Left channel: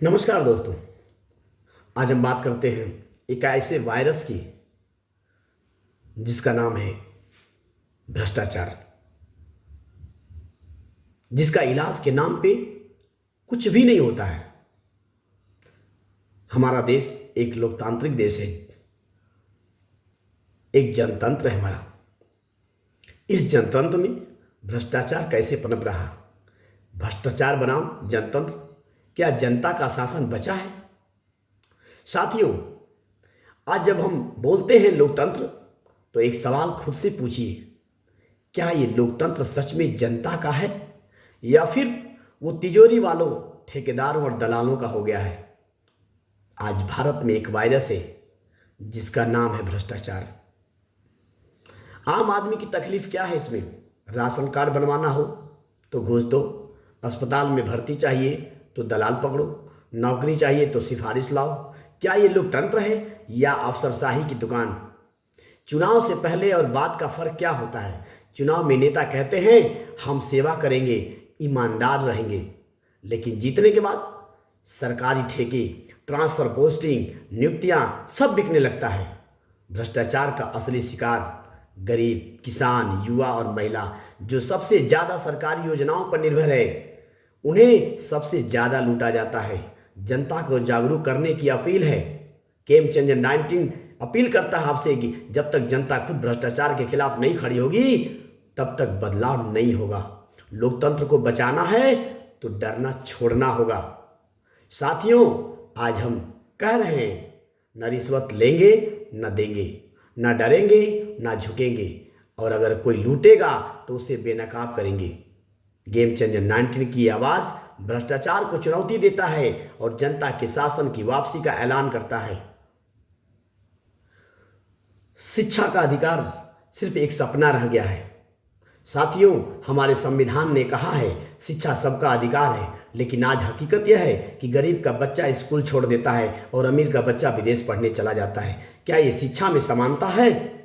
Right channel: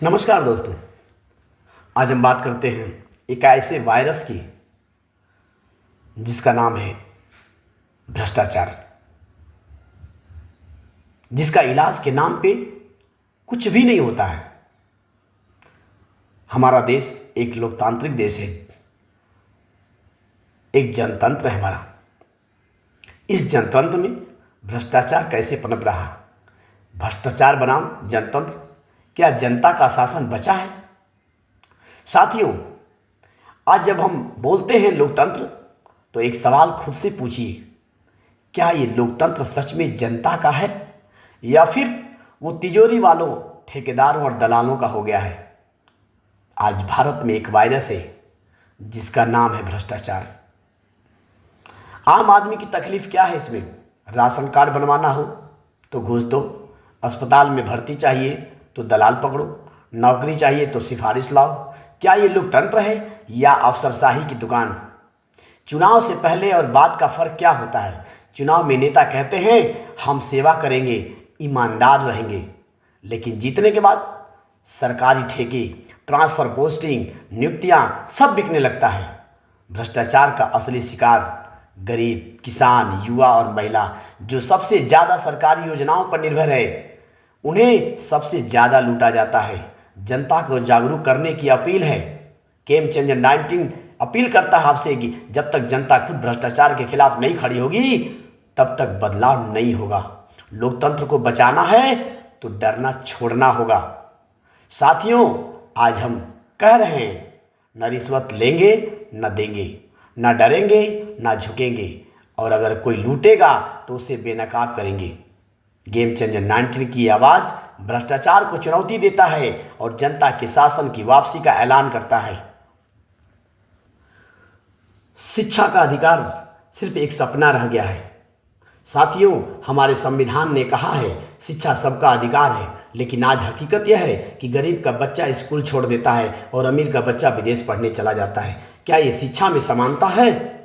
नमस्कार दोस्तों। आज हम बात करते हैं एक ऐसे वायरस की जिसका नाम है भ्रष्टाचार, जिसका इलाज के नाम पे कुछ भी नहीं होता है। हमारा देश एक लोकतांत्रिक देश है, एक जनतंत्र है हमारा। इस जनतंत्र में भ्रष्टाचार कैसे पनप रहा? भ्रष्टाचार बनाम जनतंत्र, क्या जनता का शासन बचा है? साथियों, आज जब हम बोलते हैं लोकतंत्र तो एक सवाल खुद से पूछिए, क्या ये लोकतंत्र सच में जनता का है या फिर वो तिजोरी वालों, ठेकेदारों और दलालों का हो गया है? आज भारत में एक वायरस है जिसका नाम है भ्रष्टाचार। आम आदमी की तकलीफ क्या है इसमें? राशन कार्ड बनवाना हो तो घूस दो, अस्पताल में भर्ती चाहिए तो दलाल पकड़ो, नौकरी चाहिए तो सिफारिश लाओ। क्या ये लोकतंत्र है या अफसरशाही की दुकान? चुनाव से पहले और बाद का फर्क क्या होता है? चुनाव में नेता कहते हैं हम सेवा करेंगे, ईमानदार रहेंगे, लेकिन जीतने के बाद सरकारी ठेके, ट्रांसफर पोस्टिंग, नियुक्तियां सब बिकने लगता है। भ्रष्टाचार का असली शिकार गरीब, किसान, युवा और महिला, जो सबसे ज़्यादा सरकारी योजनाओं पर निर्भर है, उन्हें सबसे ज़्यादा लूटा जाता है। जनता को जागरूक करने की अपील है। गेम चेंजर 19 अपील करता है आपसे कि जब तक जनता खुद भ्रष्टाचार के खिलाफ नहीं खड़ी होगी तब तक बदलाव नहीं होगा। लोकतंत्र को बचाना है तो डरना छोड़ना होगा। साथियों, आज हम कह रहे हैं, न रिश्वत लेंगे न देंगे, न डरेंगे न झुकेंगे, और अगर कोई लूटेगा तो उसे बेनकाब करेंगे। गेम चेंजर 19 की आवाज़ भ्रष्टाचार को चुनौती देता है और जनता के शासन की वापसी का ऐलान करता है। शिक्षा का अधिकार सिर्फ एक सपना रह गया है। साथियों, हमारे संविधान ने कहा है शिक्षा सबका अधिकार है, लेकिन आज हकीकत यह है कि गरीब का बच्चा स्कूल छोड़ देता है और अमीर का बच्चा विदेश पढ़ने चला जाता है। क्या ये शिक्षा में समानता है?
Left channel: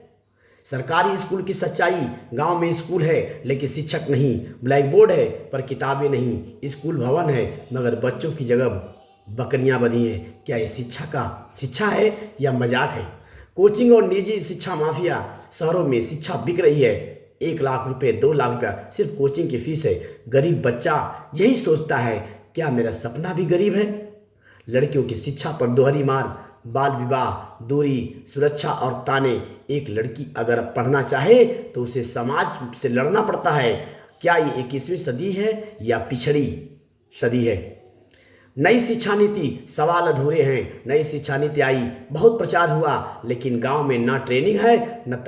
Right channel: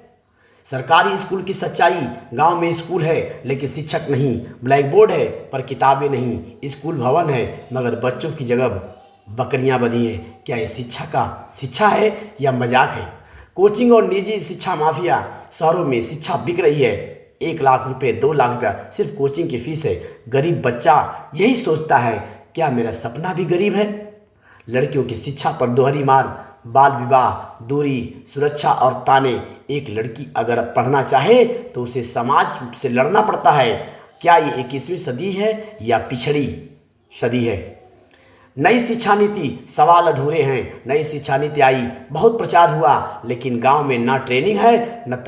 सरकारी स्कूल की सच्चाई, गांव में स्कूल है लेकिन शिक्षक नहीं, ब्लैक बोर्ड है पर किताबें नहीं, स्कूल भवन है मगर बच्चों की जगह बकरियां बंधी हैं। क्या ये शिक्षा है या मजाक है? कोचिंग और निजी शिक्षा माफिया, शहरों में शिक्षा बिक रही है। 1 लाख रुपए, 2 लाख रुपया सिर्फ कोचिंग की फीस है। गरीब बच्चा यही सोचता है, क्या मेरा सपना भी गरीब है? लड़कियों की शिक्षा पर दोहरी मार, बाल विवाह, दूरी, सुरक्षा और ताने। एक लड़की अगर पढ़ना चाहे तो उसे समाज से लड़ना पड़ता है। क्या ये 21वीं सदी है या पिछड़ी सदी है? नई शिक्षा नीति, सवाल अधूरे हैं। नई शिक्षा नीति आई, बहुत प्रचार हुआ, लेकिन गांव में ना ट्रेनिंग है न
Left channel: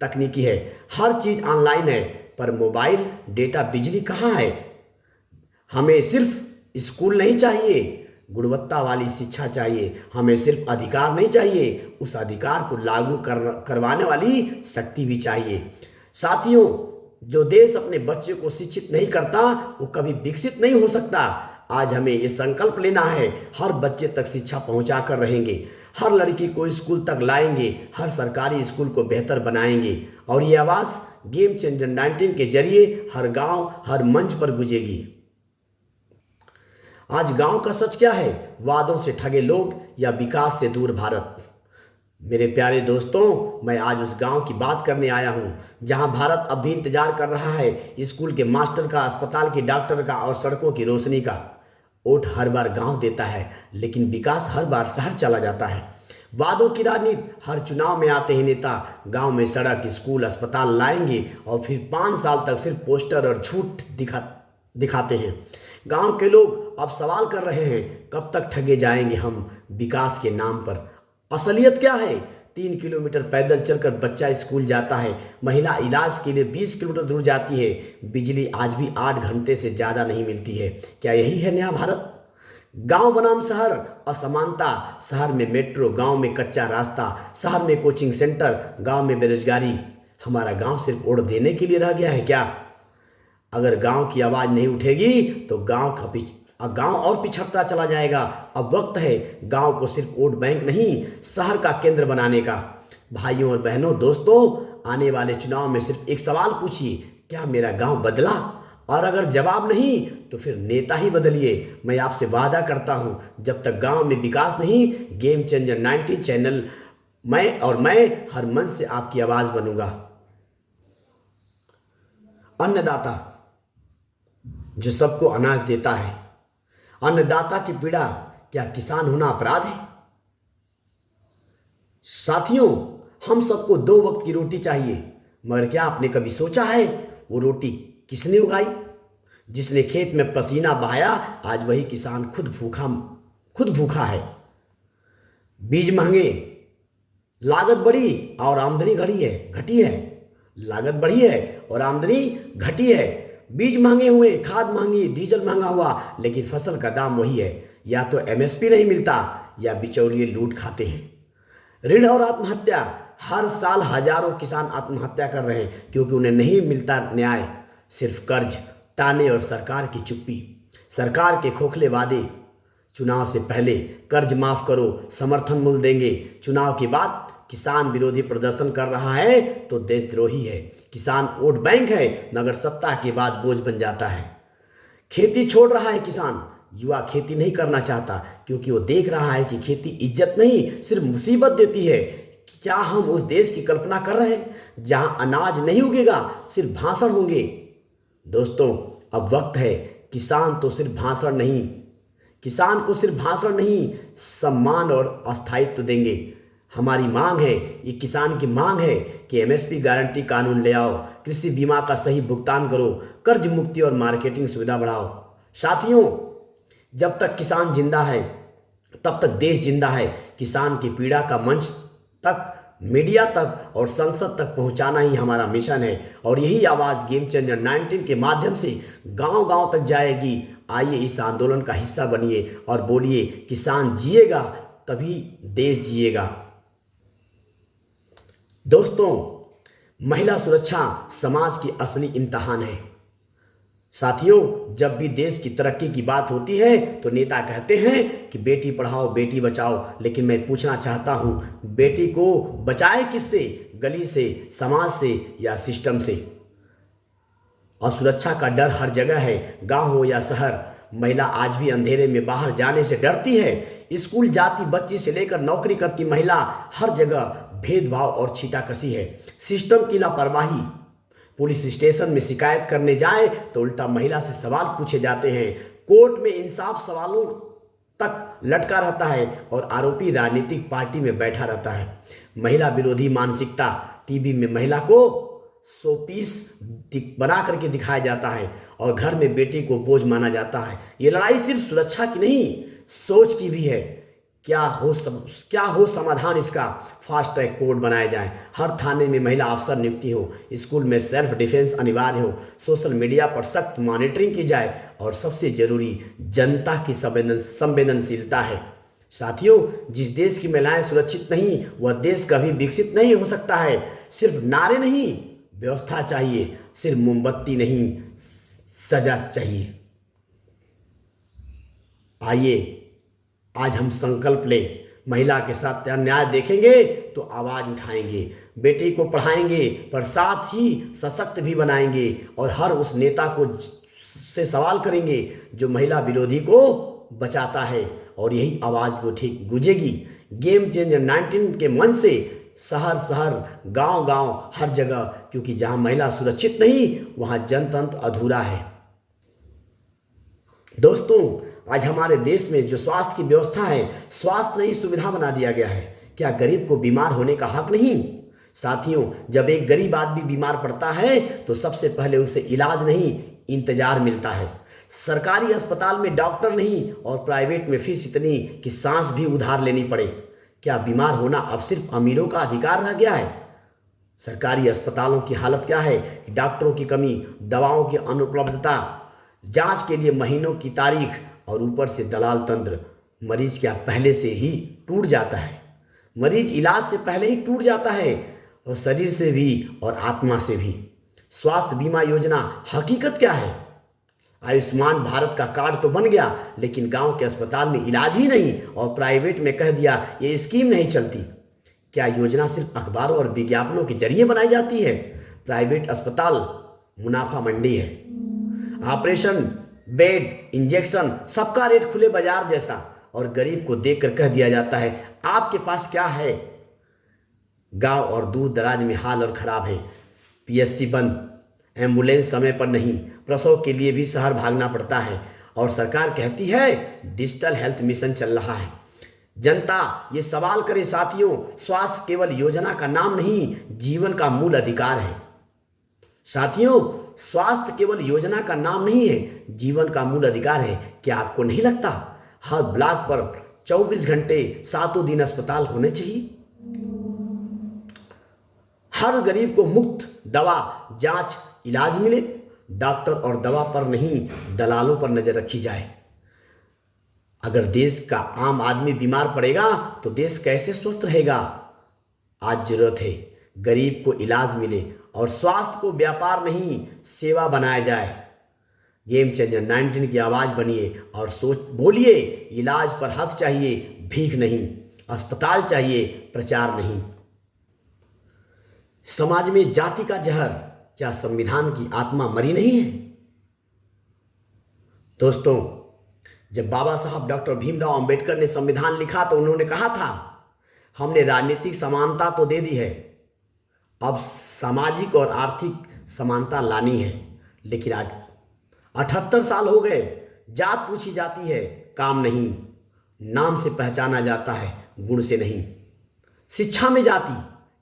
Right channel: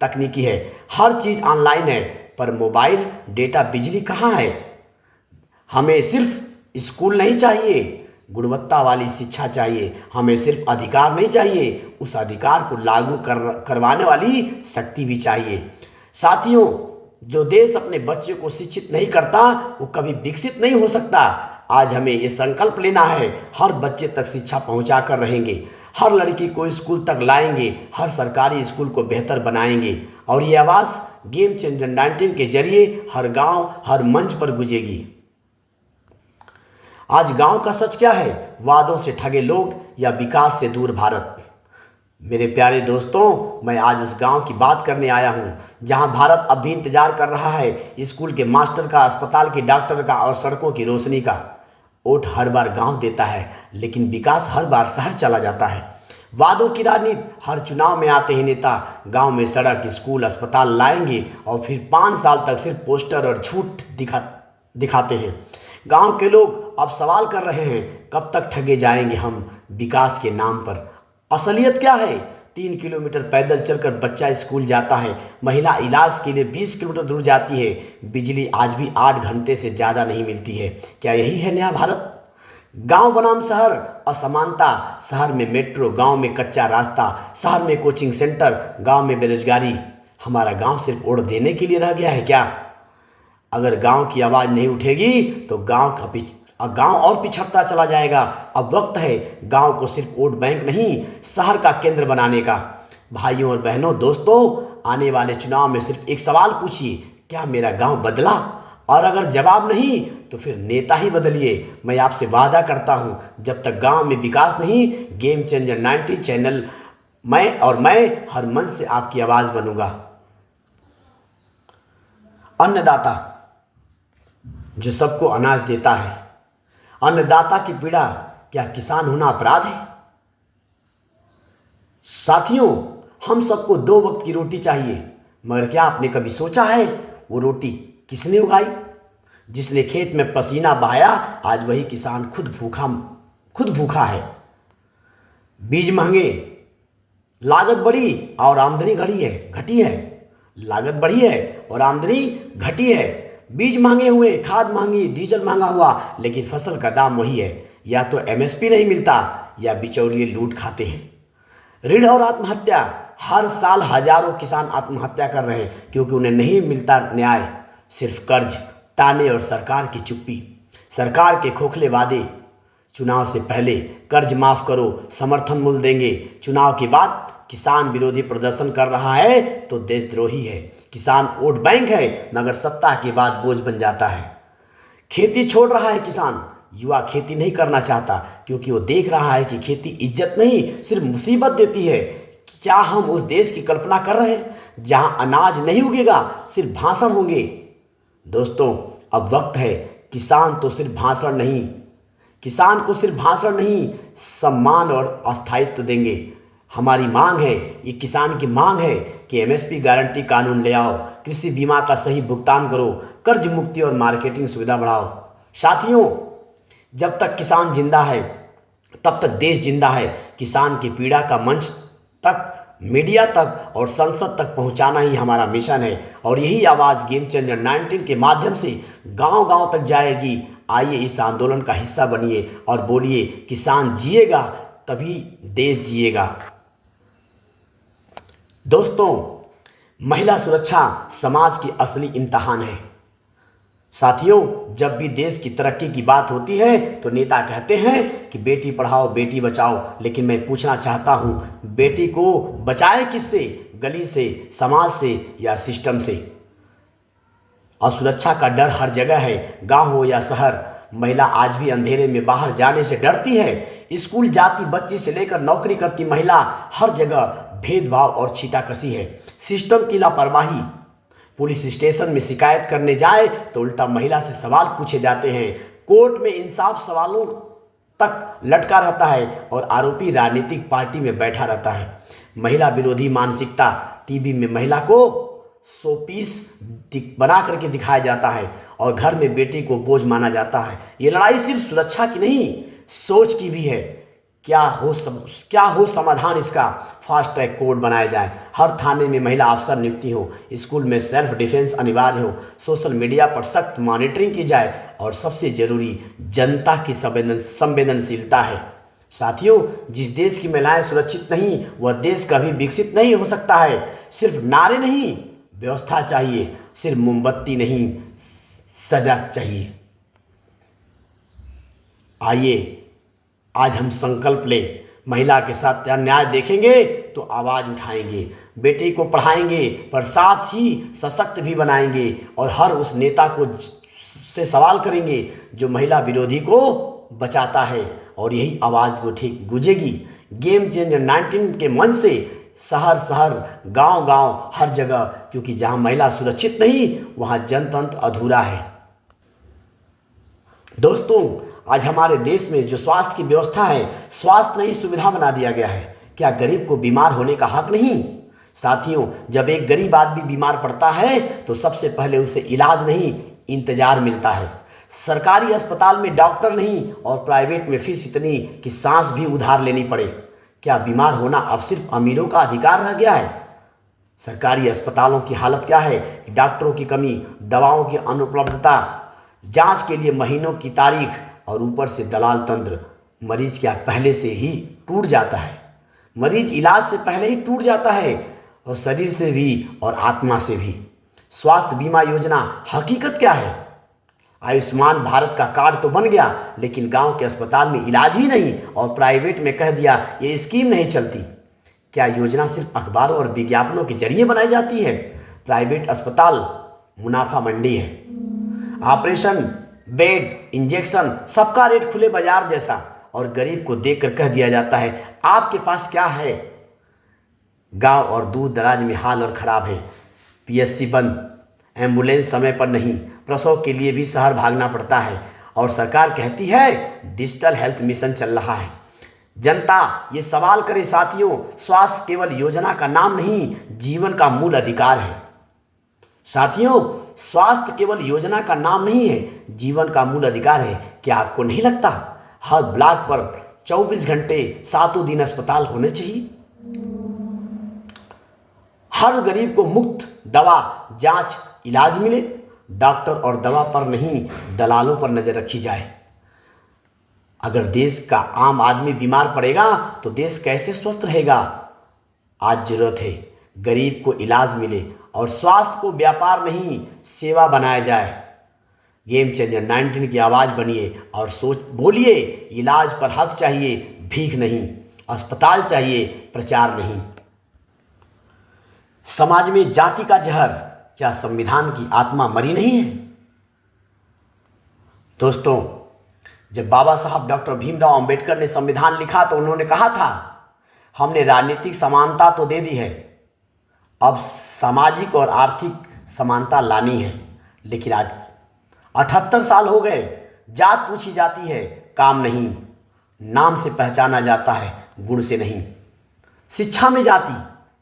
तकनीकी है। हर चीज़ ऑनलाइन है पर मोबाइल, डेटा, बिजली कहाँ है? हमें सिर्फ स्कूल नहीं चाहिए, गुणवत्ता वाली शिक्षा चाहिए। हमें सिर्फ अधिकार नहीं चाहिए, उस अधिकार को लागू करवाने वाली शक्ति भी चाहिए। साथियों, जो देश अपने बच्चे को शिक्षित नहीं करता वो कभी विकसित नहीं हो सकता। आज हमें ये संकल्प लेना है, हर बच्चे तक शिक्षा पहुंचा कर रहेंगे, हर लड़की को स्कूल तक लाएंगे, हर सरकारी स्कूल को बेहतर बनाएंगे, और ये आवाज़ गेम चेंजर 19 के जरिए हर गांव, हर मंच पर गूंजेगी। आज गांव का सच क्या है? वादों से ठगे लोग या विकास से दूर भारत? मेरे प्यारे दोस्तों, मैं आज उस गांव की बात करने आया हूं जहां भारत अब भी इंतजार कर रहा है स्कूल के मास्टर का, अस्पताल के डॉक्टर का और सड़कों की रोशनी का। वोट हर बार गांव देता है लेकिन विकास हर बार शहर चला जाता है। वादों की राजनीति, हर चुनाव में आते ही नेता गांव में सड़क, स्कूल, अस्पताल लाएंगे और फिर 5 साल तक सिर्फ पोस्टर और झूठ दिखाते हैं। गांव के लोग अब सवाल कर रहे हैं, कब तक ठगे जाएंगे हम विकास के नाम पर? असलियत क्या है? 3 किलोमीटर पैदल चलकर बच्चा स्कूल जाता है, महिला इलाज के लिए 20 किलोमीटर दूर जाती है, बिजली आज भी 8 घंटे से ज़्यादा नहीं मिलती है। क्या यही है नया भारत? गांव बनाम शहर, असमानता। शहर में मेट्रो, गांव में कच्चा रास्ता, शहर में कोचिंग सेंटर, गांव में बेरोजगारी। हमारा गांव सिर्फ वोट देने के लिए रह गया है क्या? अगर गांव की आवाज़ नहीं उठेगी तो गांव और पिछड़ता चला जाएगा। अब वक्त है गांव को सिर्फ वोट बैंक नहीं, शहर का केंद्र बनाने का। भाइयों और बहनों, दोस्तों, आने वाले चुनाव में सिर्फ एक सवाल पूछिए, क्या मेरा गांव बदला? और अगर जवाब नहीं तो फिर नेता ही बदलिए। मैं आपसे वादा करता हूं, जब तक गांव में विकास नहीं, गेम चेंजर 19 चैनल मैं हर मन से आपकी आवाज बनूंगा। अन्नदाता जो सबको अनाज देता है, अन्नदाता की पीड़ा, क्या किसान होना अपराध है? साथियों, हम सबको 2 वक्त की रोटी चाहिए, मगर क्या आपने कभी सोचा है वो रोटी किसने उगाई? जिसने खेत में पसीना बहाया, आज वही किसान खुद भूखा है। बीज महंगे, लागत बढ़ी और आमदनी घटी है। लागत बढ़ी है और आमदनी घटी है। बीज महंगे हुए, खाद महंगी, डीजल महंगा हुआ, लेकिन फसल का दाम वही है। या तो एमएसपी नहीं मिलता या बिचौलिए लूट खाते हैं। ऋण और आत्महत्या, हर साल हजारों किसान आत्महत्या कर रहे हैं क्योंकि उन्हें नहीं मिलता न्याय। सिर्फ कर्ज, ताने और सरकार की चुप्पी, सरकार के खोखले वादे। चुनाव से पहले कर्ज माफ करो, समर्थन मूल्य देंगे, चुनाव के बाद किसान विरोधी प्रदर्शन कर रहा है तो देशद्रोही है। किसान वोट बैंक है, मगर सत्ता के बाद बोझ बन जाता है। खेती छोड़ रहा है किसान, युवा खेती नहीं करना चाहता क्योंकि वो देख रहा है कि खेती इज्जत नहीं, सिर्फ मुसीबत देती है। क्या हम उस देश की कल्पना कर रहे हैं जहां अनाज नहीं उगेगा, सिर्फ भाषण होंगे? दोस्तों, अब वक्त है, किसान को सिर्फ भाषण नहीं, सम्मान और अस्थायित्व देंगे। हमारी मांग है, ये किसान की मांग है कि एमएसपी गारंटी कानून ले आओ, कृषि बीमा का सही भुगतान करो, कर्ज मुक्ति और मार्केटिंग सुविधा बढ़ाओ। साथियों, जब तक किसान जिंदा है तब तक देश जिंदा है। किसान की पीड़ा का मंच तक, मीडिया तक और संसद तक पहुंचाना ही हमारा मिशन है और यही आवाज़ गेम चेंजर 19 के माध्यम से गांव-गांव तक जाएगी। आइए इस आंदोलन का हिस्सा बनिए और बोलिए, किसान जिएगा तभी देश जिएगा। दोस्तों, महिला सुरक्षा समाज की असली इम्तिहान है। साथियों, जब भी देश की तरक्की की बात होती है तो नेता कहते हैं कि बेटी पढ़ाओ बेटी बचाओ, लेकिन मैं पूछना चाहता हूं, बेटी को बचाए किससे? गली से, समाज से या सिस्टम से? असुरक्षा का डर हर जगह है, गांव हो या शहर। महिला आज भी अंधेरे में बाहर जाने से डरती है। स्कूल जाती बच्ची से लेकर नौकरी करती महिला, हर जगह भेदभाव और छीटाकशी है। सिस्टम की लापरवाही, पुलिस स्टेशन में शिकायत करने जाए तो उल्टा महिला से सवाल पूछे जाते हैं। कोर्ट में इंसाफ सवालों तक लटका रहता है और आरोपी राजनीतिक पार्टी में बैठा रहता है। महिला विरोधी मानसिकता, टीवी में महिला को शोपीस बना करके दिखाया जाता है और घर में बेटी को बोझ माना जाता है। ये लड़ाई सिर्फ सुरक्षा की नहीं, सोच की भी है। क्या हो समाधान इसका? फास्ट ट्रैक कोर्ट बनाया जाए, हर थाने में महिला अफसर नियुक्ति हो, स्कूल में सेल्फ डिफेंस अनिवार्य हो, सोशल मीडिया पर सख्त मॉनिटरिंग की जाए और सबसे जरूरी, जनता की संवेदनशीलता है। साथियों, जिस देश की महिलाएं सुरक्षित नहीं, वह देश कभी विकसित नहीं हो सकता है। सिर्फ नारे नहीं, व्यवस्था चाहिए। सिर्फ मोमबत्ती नहीं, सजा चाहिए। आइए आज हम संकल्प लें, महिला के साथ अन्याय देखेंगे तो आवाज उठाएंगे, बेटी को पढ़ाएंगे पर साथ ही सशक्त भी बनाएंगे और हर उस नेता को से सवाल करेंगे जो महिला विरोधी को बचाता है और यही आवाज को ठीक गूंजेगी। गेम चेंजर 19 के मन से शहर शहर, गांव गांव, हर जगह, क्योंकि जहां महिला सुरक्षित नहीं वहां जनतंत्र अधूरा है। दोस्तों, आज हमारे देश में जो स्वास्थ्य की व्यवस्था है, स्वास्थ्य नहीं सुविधा बना दिया गया है। क्या गरीब को बीमार होने का हक नहीं? साथियों, जब एक गरीब आदमी बीमार पड़ता है तो सबसे पहले उसे इलाज नहीं, इंतजार मिलता है। सरकारी अस्पताल में डॉक्टर नहीं और प्राइवेट में फीस इतनी कि सांस भी उधार लेनी पड़े। क्या बीमार होना अब सिर्फ अमीरों का अधिकार रह गया है? सरकारी अस्पतालों की हालत क्या है कि डॉक्टरों की कमी, दवाओं की अनुपलब्धता, जांच के लिए महीनों की तारीख और ऊपर से दलाल तंत्र। मरीज क्या पहले से ही टूट जाता है? मरीज इलाज से पहले ही टूट जाता है, और शरीर से भी और आत्मा से भी। स्वास्थ्य बीमा योजना हकीकत क्या है? आयुष्मान भारत का कार्ड तो बन गया, लेकिन गांव के अस्पताल में इलाज ही नहीं और प्राइवेट में कह दिया ये स्कीम नहीं चलती। क्या योजना सिर्फ अखबारों और विज्ञापनों के जरिए बनाई जाती है? प्राइवेट अस्पताल मुनाफा मंडी है। ऑपरेशन, बेड, इंजेक्शन, सबका रेट खुले बाजार जैसा, और गरीब को देखकर कह दिया जाता है आपके पास क्या है। गांव और दूर दराज में हाल और ख़राब है। पीएचसी बंद, एम्बुलेंस समय पर नहीं, प्रसव के लिए भी शहर भागना पड़ता है, और सरकार कहती है डिजिटल हेल्थ मिशन चल रहा है। जनता ये सवाल करे साथियों, स्वास्थ्य केवल योजना का नाम नहीं, जीवन का मूल अधिकार है। साथियों, स्वास्थ्य केवल योजना का नाम नहीं है, जीवन का मूल अधिकार है। क्या आपको नहीं लगता हर ब्लॉक पर 24 घंटे सातों दिन अस्पताल होने चाहिए? हर गरीब को मुफ्त दवा, जांच, इलाज मिले। डॉक्टर और दवा पर नहीं, दलालों पर नजर रखी जाए। अगर देश का आम आदमी बीमार पड़ेगा तो देश कैसे स्वस्थ रहेगा? आज जरूरत है गरीब को इलाज मिले और स्वास्थ्य को व्यापार नहीं, सेवा बनाया जाए। गेम चेंजर 19 की आवाज़ बनिए और सोच बोलिए, इलाज पर हक चाहिए, भीख नहीं। अस्पताल चाहिए, प्रचार नहीं। समाज में जाति का जहर, क्या संविधान की आत्मा मरी नहीं है? दोस्तों, जब बाबा साहब डॉक्टर भीमराव अंबेडकर ने संविधान लिखा तो उन्होंने कहा था हमने राजनीतिक समानता तो दे दी है, अब सामाजिक और आर्थिक समानता लानी है। लेकिन आज 78 साल हो गए, जात पूछी जाती है, काम नहीं। नाम से पहचाना जाता है, गुण से नहीं। शिक्षा में जाति,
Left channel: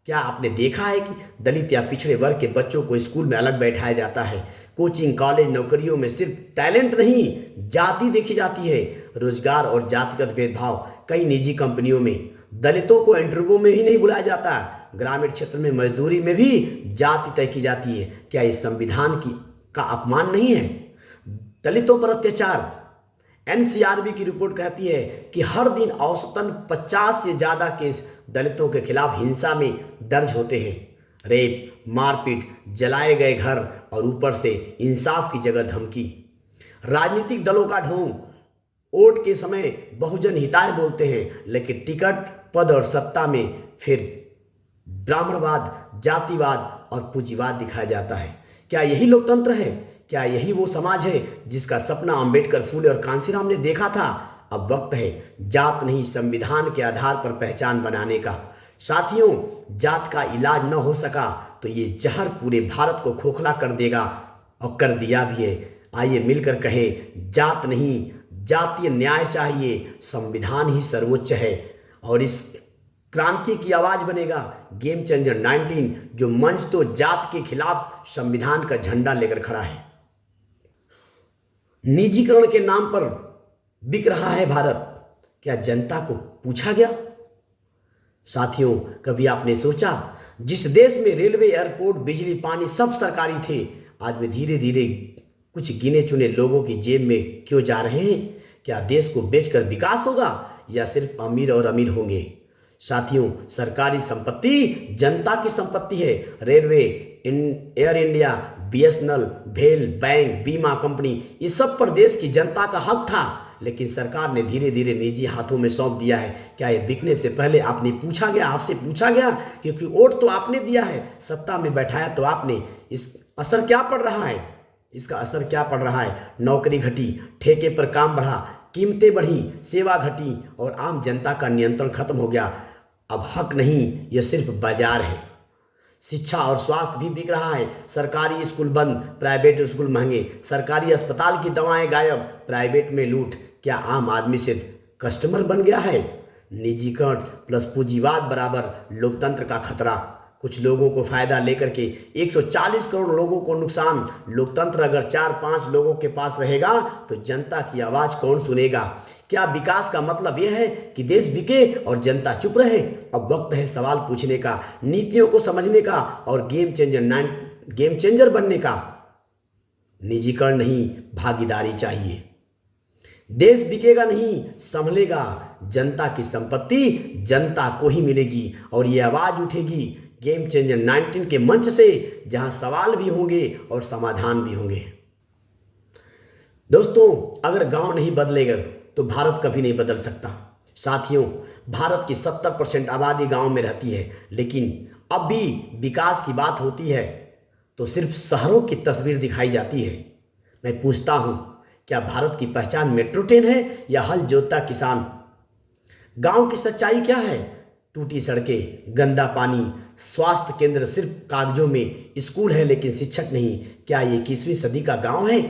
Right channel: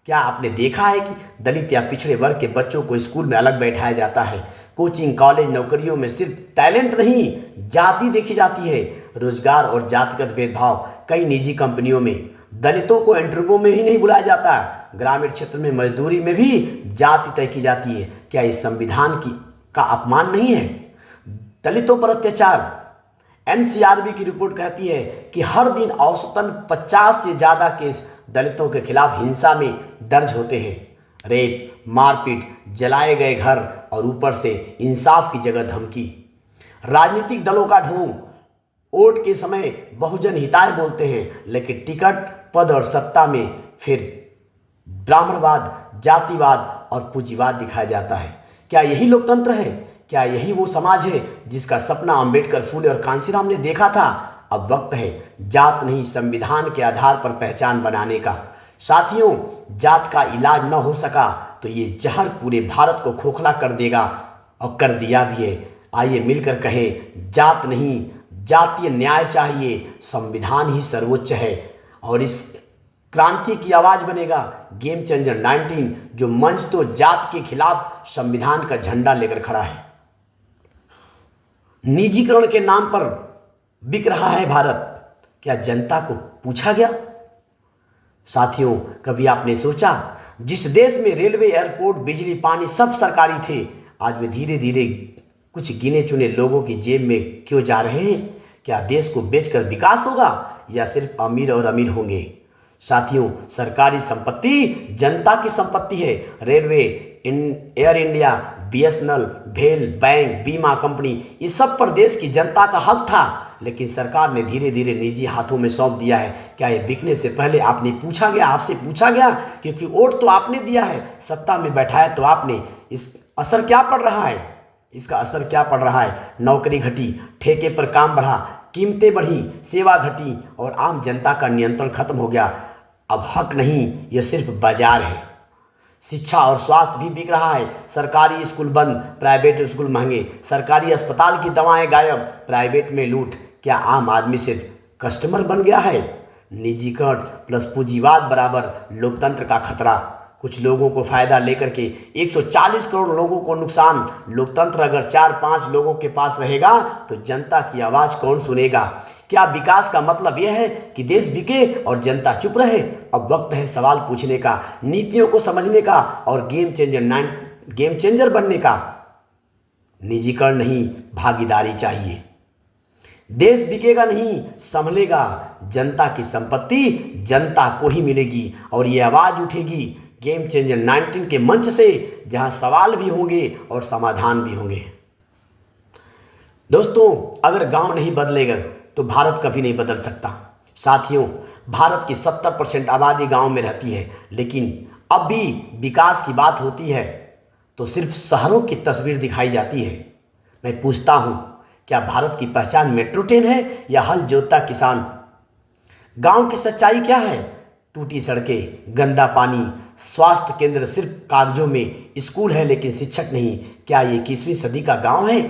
क्या आपने देखा है कि दलित या पिछड़े वर्ग के बच्चों को स्कूल में अलग बैठाया जाता है? कोचिंग, कॉलेज, नौकरियों में सिर्फ टैलेंट नहीं, जाति देखी जाती है। रोजगार और जातिगत भेदभाव, कई निजी कंपनियों में दलितों को इंटरव्यू में ही नहीं बुलाया जाता। ग्रामीण क्षेत्र में मजदूरी में भी जाति तय की जाती है। क्या इस संविधान का अपमान नहीं है? दलितों पर अत्याचार, एनसीआरबी की रिपोर्ट कहती है कि हर दिन औसतन 50 से ज़्यादा केस दलितों के खिलाफ हिंसा में दर्ज होते हैं। रेप, मारपीट, जलाए गए घर और ऊपर से इंसाफ की जगह धमकी। राजनीतिक दलों का ढोंग, वोट के समय बहुजन हिताय बोलते हैं, लेकिन टिकट, पद और सत्ता में फिर ब्राह्मणवाद, जातिवाद और पूंजीवाद दिखाया जाता है। क्या यही लोकतंत्र है? क्या यही वो समाज है जिसका सपना अंबेडकर, फूले और कांसीराम ने देखा था? अब वक्त है जात नहीं, संविधान के आधार पर पहचान बनाने का। साथियों, जात का इलाज न हो सका तो ये जहर पूरे भारत को खोखला कर देगा, और कर दिया भी है। आइए मिलकर कहें, जात नहीं, जातीय न्याय चाहिए, संविधान ही सर्वोच्च है। और इस क्रांति की आवाज बनेगा गेम चेंजर 19, जो मंच तो जात के खिलाफ संविधान का झंडा लेकर खड़ा है। निजीकरण के नाम पर बिक रहा है भारत, क्या जनता को पूछा गया? साथियों, कभी आपने सोचा जिस देश में रेलवे, एयरपोर्ट, बिजली, पानी सब सरकारी थे, आज वे धीरे धीरे कुछ गिने चुने लोगों की जेब में क्यों जा रहे हैं? क्या देश को बेचकर विकास होगा या सिर्फ अमीर और अमीर होंगे? साथियों, सरकारी संपत्ति जनता की संपत्ति है। रेलवे, एयर इंडिया, बीएसएनएल, भेल, बैंक, बीमा कंपनी, इस सब पर देश की जनता का हक था, लेकिन सरकार ने धीरे धीरे निजी हाथों में सौंप दिया है। क्या ये बिकने से पहले आपसे पूछा गया? क्योंकि वोट तो आपने दिया है, सत्ता में बैठाया तो आपने। इसका असर क्या पड़ रहा है? नौकरी घटी, ठेके पर काम बढ़ा, कीमतें बढ़ी, सेवा घटी और आम जनता का नियंत्रण खत्म हो गया। अब हक नहीं, यह सिर्फ बाजार है। शिक्षा और स्वास्थ्य भी बिक रहा है। सरकारी स्कूल बंद, प्राइवेट स्कूल महंगे। सरकारी अस्पताल की दवाएं गायब, प्राइवेट में लूट। क्या आम आदमी सिर्फ कस्टमर बन गया है? निजीकरण प्लस पूंजीवाद बराबर लोकतंत्र का खतरा। कुछ लोगों को फायदा लेकर के 140 करोड़ लोगों को नुकसान। लोकतंत्र अगर 4-5 लोगों के पास रहेगा तो जनता की आवाज कौन सुनेगा? क्या विकास का मतलब यह है कि देश बिके और जनता चुप रहे? अब वक्त है सवाल पूछने का, नीतियों को समझने का और गेम चेंजर बनने का। निजीकरण नहीं, भागीदारी चाहिए। देश बिकेगा नहीं, संभलेगा। जनता की संपत्ति जनता को ही मिलेगी और ये आवाज उठेगी गेम चेंजर 19 के मंच से, जहां सवाल भी होंगे और समाधान भी होंगे। दोस्तों, अगर गांव नहीं बदलेगा तो भारत कभी नहीं बदल सकता। साथियों, भारत की 70% आबादी गांव में रहती है, लेकिन अब भी विकास की बात होती है तो सिर्फ शहरों की तस्वीर दिखाई जाती है। मैं पूछता हूँ, क्या भारत की पहचान मेट्रो ट्रेन है या हल जोतता किसान? गांव की सच्चाई क्या है? टूटी सड़कें, गंदा पानी, स्वास्थ्य केंद्र सिर्फ कागजों में, स्कूल है लेकिन शिक्षक नहीं। क्या ये 21वीं सदी का गांव है?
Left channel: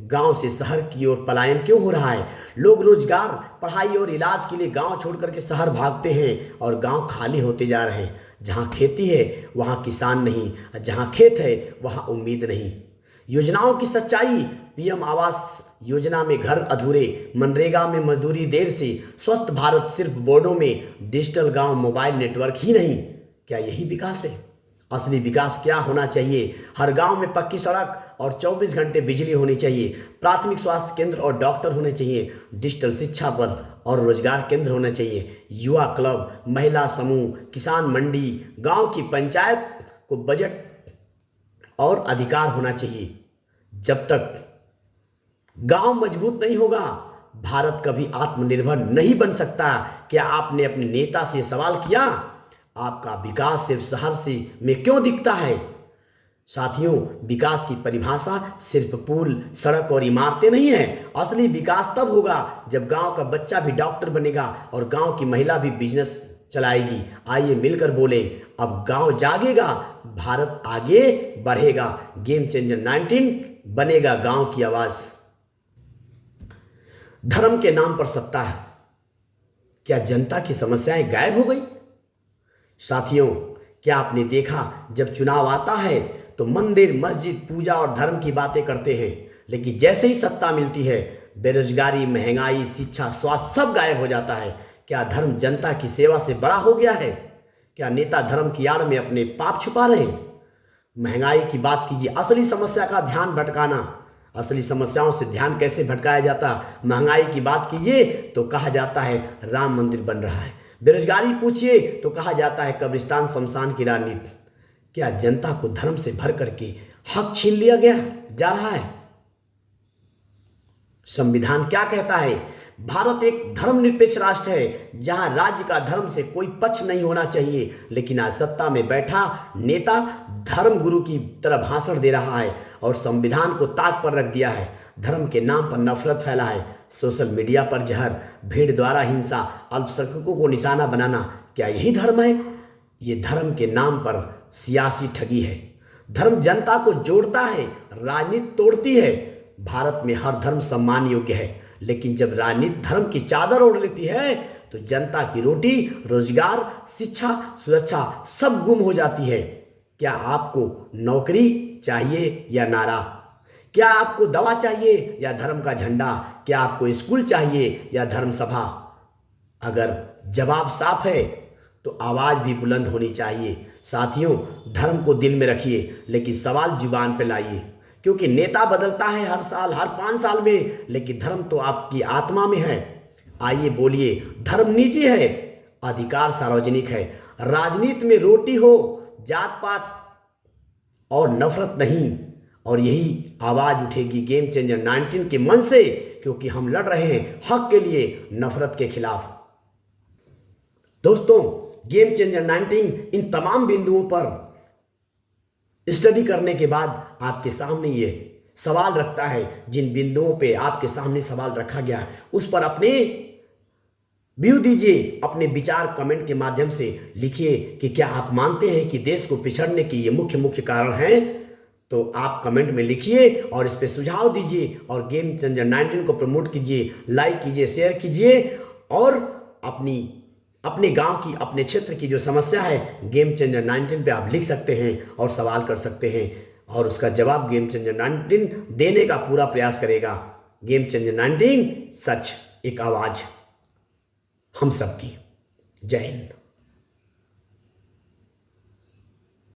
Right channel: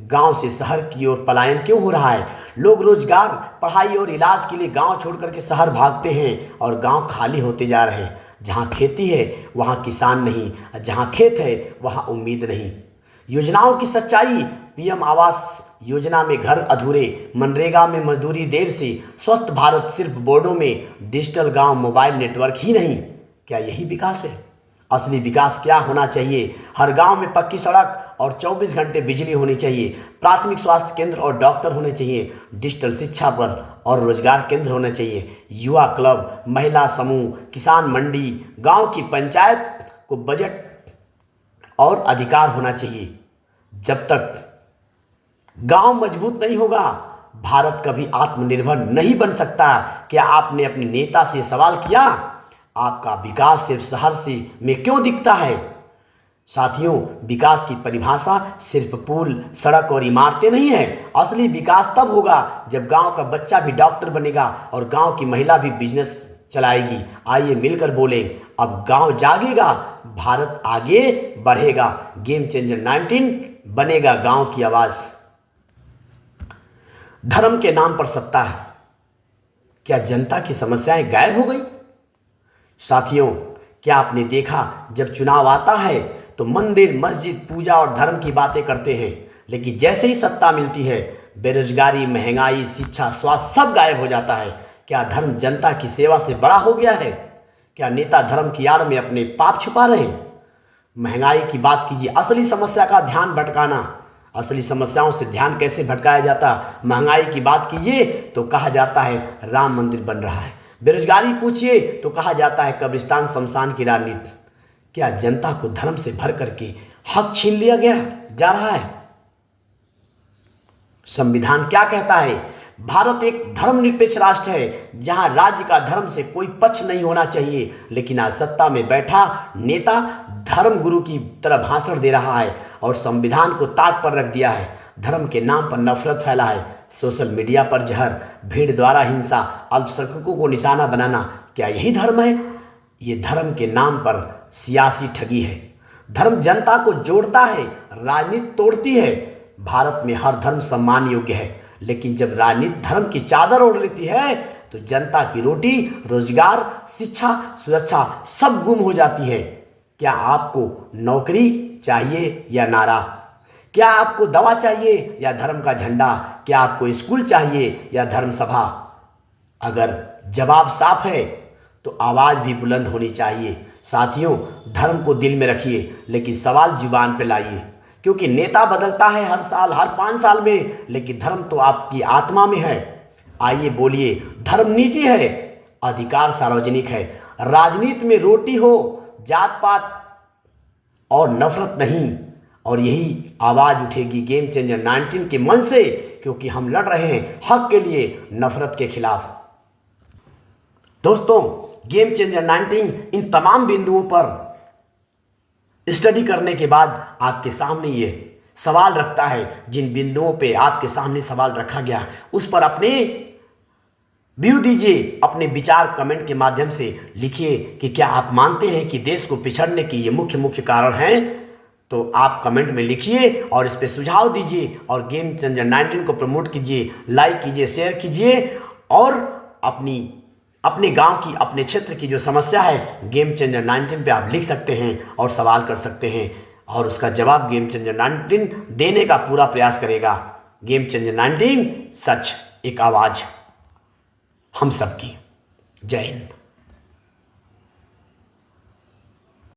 गांव से शहर की ओर पलायन क्यों हो रहा है? लोग रोजगार, पढ़ाई और इलाज के लिए गांव छोड़ करके शहर भागते हैं और गांव खाली होते जा रहे हैं। जहां खेती है वहां किसान नहीं, जहां खेत है वहां उम्मीद नहीं। योजनाओं की सच्चाई, पीएम आवास योजना में घर अधूरे, मनरेगा में मजदूरी देर से, स्वस्थ भारत सिर्फ बोर्डों में, डिजिटल गांव, मोबाइल नेटवर्क ही नहीं। क्या यही विकास है? असली विकास क्या होना चाहिए? हर गांव में पक्की सड़क और 24 घंटे बिजली होनी चाहिए, प्राथमिक स्वास्थ्य केंद्र और डॉक्टर होने चाहिए, डिजिटल शिक्षा पर और रोजगार केंद्र होने चाहिए, युवा क्लब, महिला समूह, किसान मंडी, गांव की पंचायत को बजट और अधिकार होना चाहिए। जब तक गांव मजबूत नहीं होगा, भारत कभी आत्मनिर्भर नहीं बन सकता। क्या आपने अपने नेता से सवाल किया, आपका विकास सिर्फ शहर से में क्यों दिखता है? साथियों, विकास की परिभाषा सिर्फ पुल, सड़क और इमारतें नहीं है। असली विकास तब होगा जब गांव का बच्चा भी डॉक्टर बनेगा और गांव की महिला भी बिजनेस चलाएगी। आइए मिलकर बोले, अब गांव जागेगा, भारत आगे बढ़ेगा। गेम चेंजर 19 बनेगा गांव की आवाज। धर्म के नाम पर सत्ता है, क्या जनता की समस्याएं गायब हो गई? साथियों, क्या आपने देखा, जब चुनाव आता है तो मंदिर, मस्जिद, पूजा और धर्म की बातें करते हैं, लेकिन जैसे ही सत्ता मिलती है, बेरोजगारी, महंगाई, शिक्षा, स्वास्थ्य सब गायब हो जाता है। क्या धर्म जनता की सेवा से बड़ा हो गया है? क्या नेता धर्म की आड़ में अपने पाप छुपा रहे हैं? महंगाई की बात कीजिए, असली समस्या का ध्यान भटकाना। असली समस्याओं से ध्यान कैसे भटकाया जाता? महंगाई की बात कीजिए तो कहा जाता है राम मंदिर बन रहा है, बेरोजगारी पूछिए तो कहा जाता है कब्रिस्तान शमशान की राजनीति। क्या जनता को धर्म से भर करके हक छीन लिया गया जा रहा है? संविधान क्या कहता है? भारत एक धर्मनिरपेक्ष राष्ट्र है जहां राज्य का धर्म से कोई पक्ष नहीं होना चाहिए, लेकिन आज सत्ता में बैठा नेता धर्म गुरु की तरह भाषण दे रहा है और संविधान को ताक पर रख दिया है। धर्म के नाम पर नफरत फैला है, सोशल मीडिया पर जहर, भीड़ द्वारा हिंसा, अल्पसंख्यकों को निशाना बनाना। क्या यही धर्म है? ये धर्म के नाम पर सियासी ठगी है। धर्म जनता को जोड़ता है, राजनीति तोड़ती है। भारत में हर धर्म सम्मान योग्य है, लेकिन जब राजनीति धर्म की चादर ओढ़ लेती है तो जनता की रोटी, रोजगार, शिक्षा, सुरक्षा सब गुम हो जाती है। क्या आपको नौकरी चाहिए या नारा? क्या आपको दवा चाहिए या धर्म का झंडा? क्या आपको स्कूल चाहिए या धर्म सभा? अगर जवाब साफ है तो आवाज भी बुलंद होनी चाहिए। साथियों, धर्म को दिल में रखिए, लेकिन सवाल जुबान पे लाइए, क्योंकि नेता बदलता है हर साल, हर 5 साल में, लेकिन धर्म तो आपकी आत्मा में है। आइए बोलिए, धर्म निजी है, अधिकार सार्वजनिक है। राजनीति में रोटी हो, जात पात और नफरत नहीं। और यही आवाज उठेगी गेम चेंजर 19 के मन से, क्योंकि हम लड़ रहे हैं हक के लिए, नफरत के खिलाफ। दोस्तों, गेम चेंजर 19 इन तमाम बिंदुओं पर स्टडी करने के बाद आपके सामने ये सवाल रखता है। जिन बिंदुओं पे आपके सामने सवाल रखा गया, उस पर अपने व्यू दीजिए, अपने विचार कमेंट के माध्यम से लिखिए कि क्या आप मानते हैं कि देश को पिछड़ने के ये मुख्य कारण हैं? तो आप कमेंट में लिखिए और इस पे सुझाव दीजिए और गेम चेंजर 19 को प्रमोट कीजिए, लाइक कीजिए, शेयर कीजिए और अपने गांव की, अपने क्षेत्र की जो समस्या है, गेम चेंजर 19 पे आप लिख सकते हैं और सवाल कर सकते हैं और उसका जवाब गेम चेंजर 19 देने का पूरा प्रयास करेगा। गेम चेंजर 19 सच, एक आवाज़ हम सबकी। जय हिंद।